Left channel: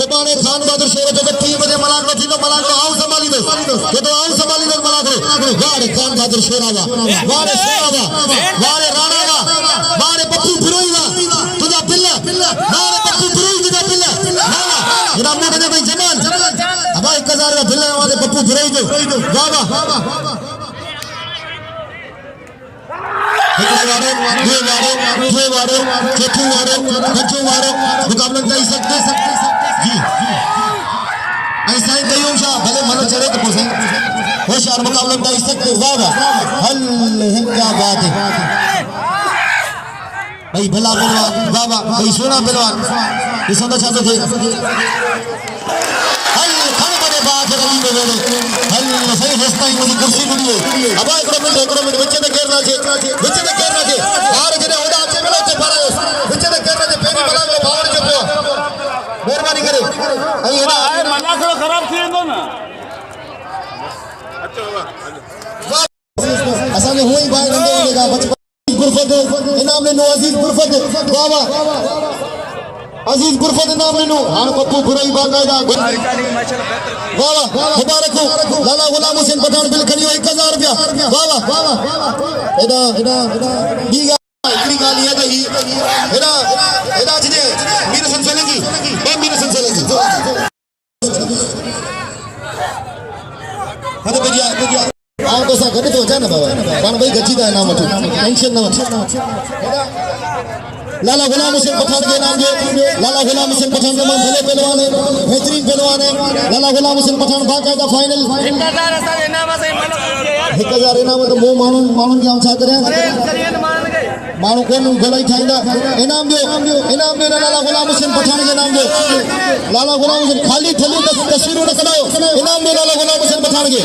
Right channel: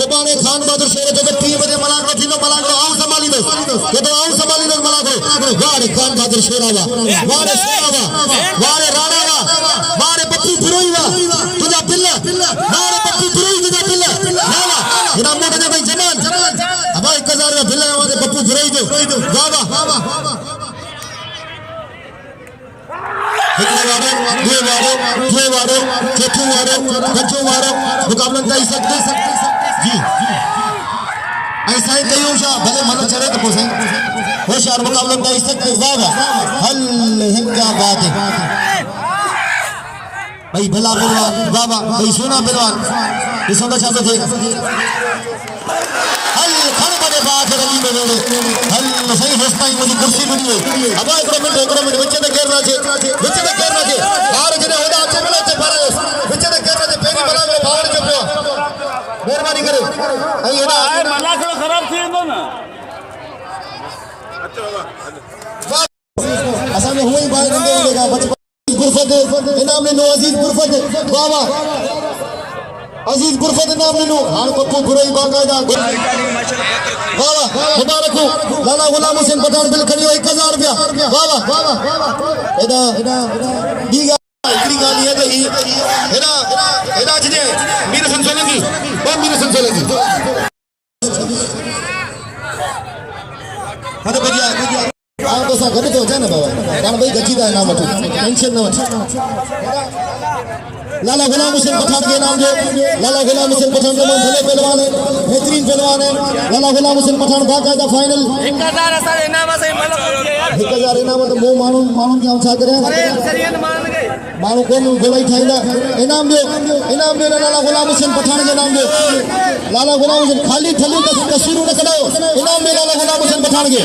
सुभाणे खान बहादुर शेर जो 3 बजे मलाक रखी तो मलाक आऊं संभाली दो ये तो आऊं संभाली दो मलाक वारे खान बहादुर शेर आवा वारे शेर आवा वारे राणा आवा वारे पप्पू फिरोजा तुझा दिल वारे पप्पू फिरोज तुझा दिल नाला इना में कदे भाई जमाल अब 1000 का दिल वाले पप्पू फिरोज वाह ये वारे चेतू वारे बच्चो वारे मुकाबला कर सकते जी ऐसा ही कई होशा भले मन चढ़े तो पोसे होशियार मुकाबला कर सकते ज्यादा हल हिंदा बात है भाई भला पहलवान बाबा भाई सोना पहलवान ये सोना चाहते थे हल खड़े बड़े बात है गली में हल सही फैसला ही मुझे कुर्सी मिली अब एक मिनट बच्चे ने घेरना छे बाहर जने होदा अच्छे मिले ते पारा बच्चे ने घेरना छे पेरी मलाक बाहर जो पियो मेहरबानी करे आई है ना मलाक खराब थी वेंदो ना अच्छा बाबा असा में हुई बाहर गंदे होगा बचपन गुरफत इनाम ने अजीज गुरफत बाबा अजीज गुरफत इनाम ने हां पप्पू बुराई बाकायदा वाह मुबारक हो लाला गुलाम हुसैन पठान बिल खड़ी 1000 रुपया वाह एदा बीगा इकड़ी गाली है तो एदा जिने मीर संसलगी हद बेगिया आ तो सा गड तो जाना बाबा पण भाई गजीदा इनाम वठो टेंशन न वठ लाला गुलाम हुसैन पठान के नाम जो लाला गुलाम हुसैन पठान जो भले पहलवान है बेहतरीन पहलवान है लाला गुलाम हुसैन पठान बाकायदा फाइनल 1000 इनाम तो मो मानू क्या छा करे मानू कोन गोलाई ठाईंदा इनाम जो लाला गुलाम हुसैन पठान के नाम जो लाला गुलाम हुसैन खाली थली तस्वीरों न कढायो इनाम जो लाला गुलाम हुसैन पठान के